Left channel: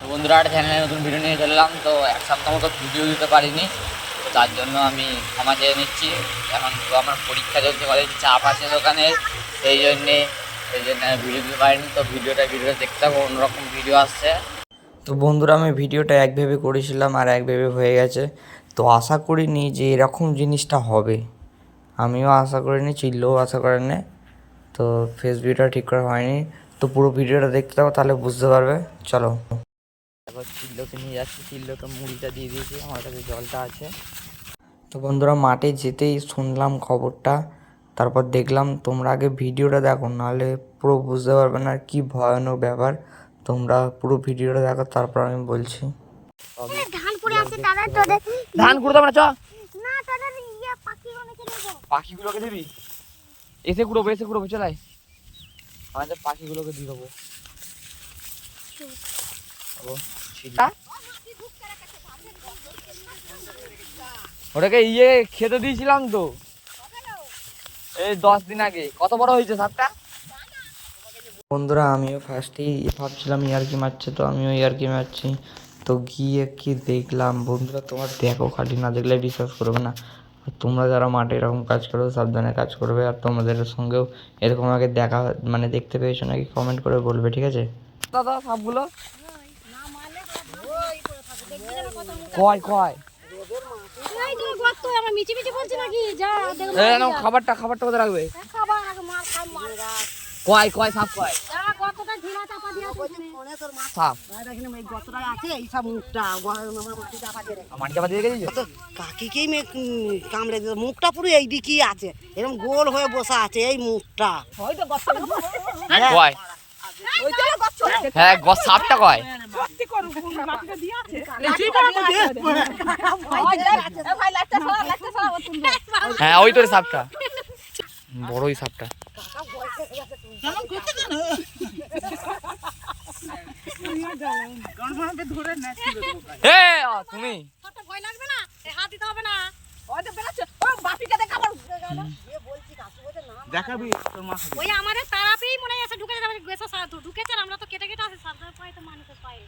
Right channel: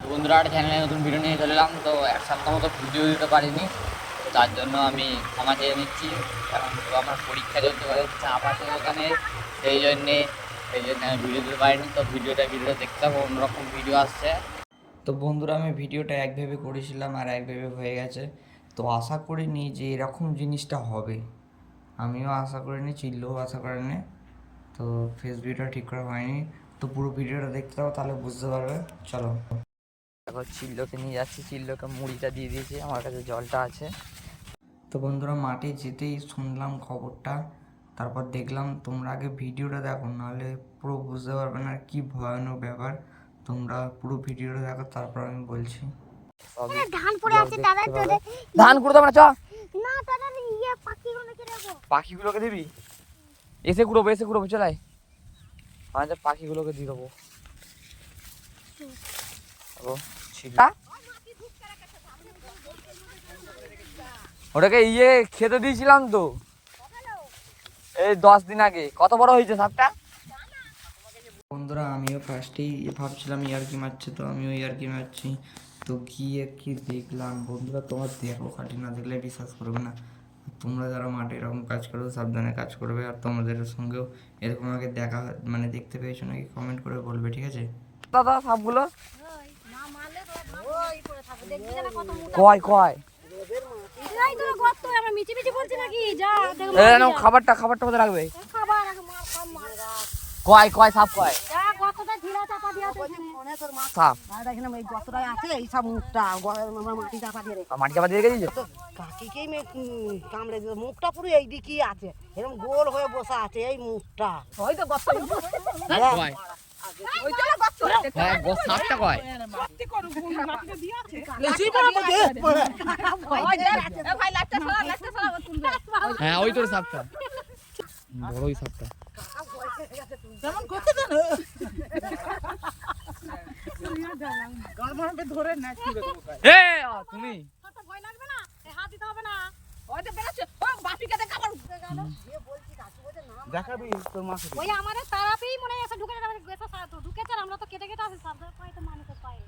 বন্ধুরা চ্যানেলে নতুন ভিডিও নিয়ে চলে এলাম। তো এক সপ্তাহ মতো ভিডিও দিতে পারিনি, তো তার জন্য আমি ক্ষমা চেয়ে নিচ্ছি। এখন তো আমার পরীক্ষা চলছে, কলেজ চাপ আছে দোকানে, সেই জন্যে আমি ভিডিও দিতে পারিনি। তো ভিডিওটা দেখতে হবে, অন্যরকম ভিডিও আসছে। তো বন্ধুরা আমি ভিডিওটা এক ভেবে করেছিলাম আর এক ভেবে হয়ে গেছে। তো আশা করিনি যে এরকম জিনিসটা হবে, আমিও আশা করিনি, চিল্লও আশা করেনি। তো ফেস ভিডিওটা ঠিক করা হয়নি। তো পুরো ভিডিওটা দেখতে হবে, তাহলে বুঝতে পারবে। চলো তারপর চিল্লোকে নিয়ে যাচ্ছি, চিল্লোকে মুড়িটা দিয়ে দিয়েছি, আমার কাছে জলটা আছে। তো বন্ধুরা মাঠে যেতেই শুনলাম খবরটা, তারপর দেখলাম। তোমরা আগে ভিডিওটা দেখো, নাহলে পুরো বুঝতে পারবে না কি ভয়ানক ব্যাপার। তোমরা পুরো ভিডিওটা দেখো, তারপর আমি বলছি। ধান পড়ে আছে দাদা, তোদের ধান কুড়ো দেবো না, চ না তোদের ইয়ে পাখিগুলোকে দেবো। পাখিগুলোকে দিবি, এসে কুড়োবো চলাই, আমাদের পাখিগুলোকে দিয়ে দেবো। ওটাকে ইয়ে খেতে দিয়েছিলাম তো এই 10 দিন আগে। কত বড় হয়েছে সাপটা? বন্ধুরা আমিও ফার্স্টেই ভাবছিলাম ইয়ার্কি মারছে, তো আমিও ইয়ার্কি মারছি। তো গিয়ে কি দেখলাম বন্ধুরা, তোমার দেখো, খালি না দেখলে বিশ্বাস করবে না। আর তোমরা যারা মাঠে এরকম কাজ করো সাবধানে কাজ করবে। আর তোমাদের সঙ্গেও এরকম আগে দেখা মানে দেখতে পেয়েছো নাকি কমেন্ট করে বলবে, ঠিক আছে? দাদা সাপগুলো কয় কয় এই তো গর্ত আমরা মিচি মিচি বলছি নাকি যা দেখো। এ নাও খাবারটা কোথায় রাখবে? খাবার আগে মার খাই মার কয় সাপ কয় যা গর্তটা ঢিলা চাপা দিয়া আছে ওখানে তোর মাছ সাপ ভাই দেখেন এই গর্তটাই আছে, এই সব মুখটা আমরা মাটি চাপা দিয়ে রেখে মাটি চাপা দিয়ে গেছিস? কাকিকেই কামড়ে দিল, মুখটা পুরো এই দিকেই আছে, এরকম গোল হয়ে বসা আছে এই মুখটা। ওই তো গর্ত কয় হ্যাঁ সাপটা কয় হ্যাঁ ওই তোর সাপটা, বড়ই সাপটা। তুমি ভয় লাগবে না, হাত দিতে হবে না। দেখাবি তোর মাছ ওই আমাদের তারাপেই মনে আছে ঢুকে যাবে, গেছে ঢুকেছে, আমরা তো কেটে কেটে আছে সাবধানে পায় তো মানুষের পায়ে।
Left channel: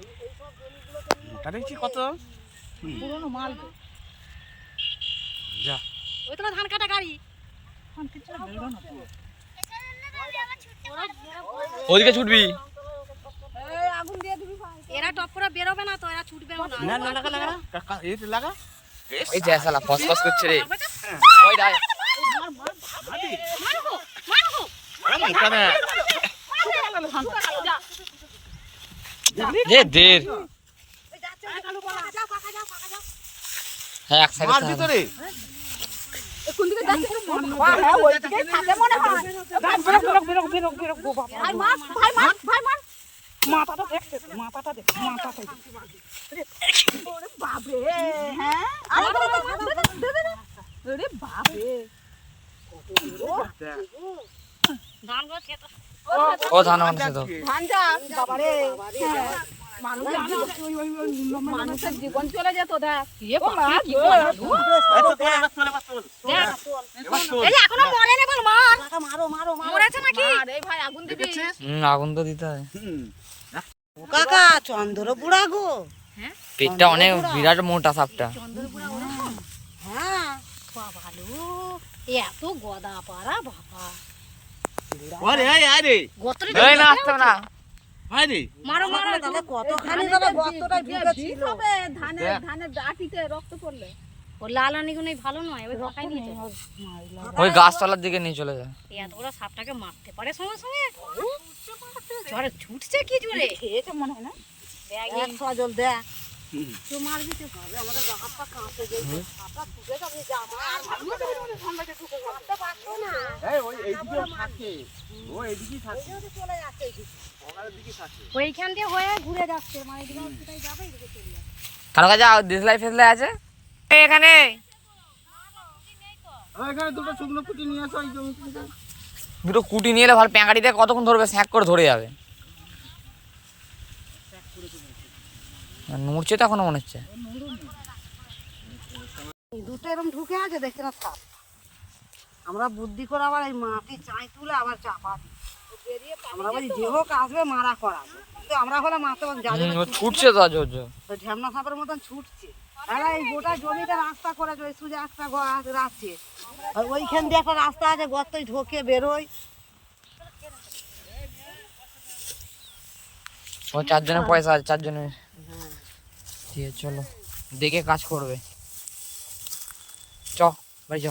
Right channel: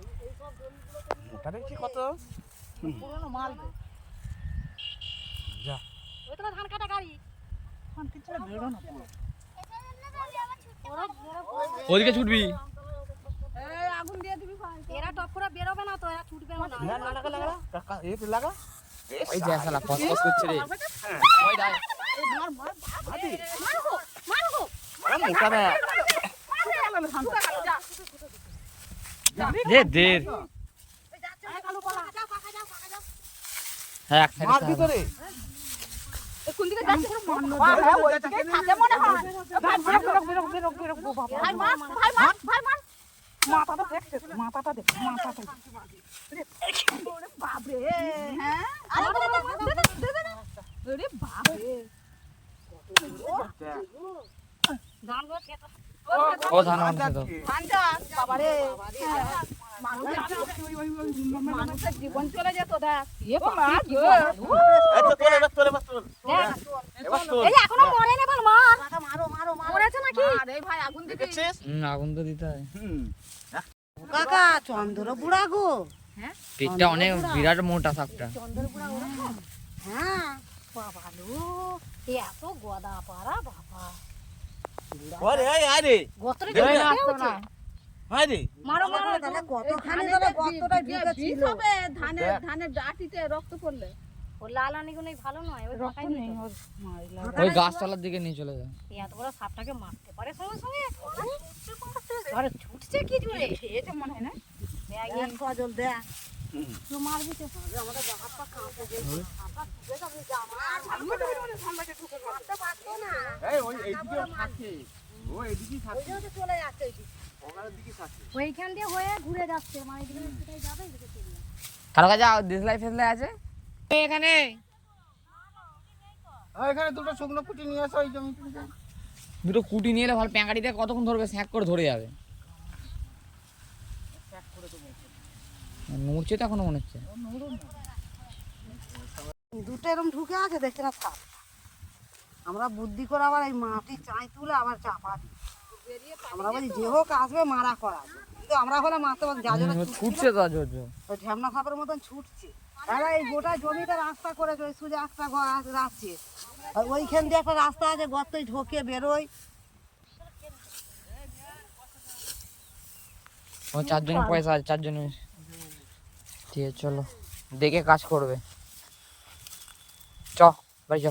এই সব জমিগুলোতে ওটা দেখছি কত পুরনো মাল যা ওই তো ধান কাটা গাড়ি ওদিকে ছুটবি, আগুন দিয়ে দিবি, এরা টপরা বেরোবে না তো, এরা ছুটবেও না। না না লাগা লাগা কাকা এই তো লাগা এই যে শালা ফসফস করছে রে। ওই দাই আদি মারো এখানে যে দের হ্যাঁ এক সাইডে মার ভিতরে কোন দিকে যাচ্ছে ওই দিকে থাকে মনে হয়। ভাই মার মাথাটা দেখছে, মাথাটা দেখ, মাথাটা বাপ রে। হ্যাঁ আরে বাপ রে ধানগুলো খেতে ও ধান মানুষে তো ধানটা বাবা রে মানুষের জীবন চলে যেত। দেখ এখনো মরেনি, বল মার, মরেছে নাকি? ভাই আগুন দিবি, আগুন তো দিতে হয়। কাকা চন্দ্র বুড়া গো। হ্যাঁ পেটটা অনেক বিরাট মোটা সাপটা। চন্দ্র বুড়া ওরকম। হ্যাঁ বাবা লো, এত গদা পাড়া বাবা। ওরে আরে গোত্রে এই না আসতে না আরে মারো মারো দাদা, কতখানি দাদা গর্তটা ঢুকেছিল। ধানের ডাটিতে রক্ত পড়লে ও লালানি গুলো ভালো নয়, এবার ঢোকাই নিয়ে ওই গাছতলার দিকে নিয়ে চলে যায়। এত বড় সাপটাকে মারতে পারে সঙ্গে সঙ্গে, জোরে ছুটছে কি জোরে, এটা মনে হয় না এক সজল দে তুই মারবি তো হবে আমাদের হাতটা কাঁপতে দে, হাতটা ঢুকে যাবে যা আর ঠান্ডাতে ঢুকে করতে পারছো না। এই ওই এইদিকে থাকে, ও এইদিকে থাকে, ওই চলে যাচ্ছে এইদিকে, ওখানের দিকে থাকে। ওইখান দিয়ে হয়ে ঘুরে যাচ্ছে, মানে এদিকে কোথায় যাবে এদিকে চলে যাচ্ছে। কারো কাছে দেশলাই ফেসলাই আছে এখানে? আর এখানে দুটো শুকনো পুঁটি নিয়ে আসো এই জমি থেকে। দুটো কুটি নিয়ে এলে ভালো, প্যাঁকাটিতে কতক্ষণ ধরবে, স্যাঁক করে ধরে যাবে। নড়ছে তো এখনো মনে হচ্ছে। দুটো এরকম ঢুকে আছে, দেখছে না সাপ। আমরা বুদ্ধি করে আবার এই মাটি চাই তুলে আবার চাপা দিই। আমরা বলি যে হোক আসবে মারা করাবো, কিন্তু আমরা হলে মারতে যাবে ছুটছে তো আজ ঝামনা সাপের মতন ছুটছে। তারা এই গোটা জমিতে রাস্তা করে সোজা একটা রাখছে, আর ওইখান দিয়ে একটা রাস্তা আছে, গর্তই ঢোকে বেরোয়। ও 4 জনের পয়সা আছে, 4 জনের। ঠিক আছে চলো, দেখে কাজ করবে। চ বাড়ি চ।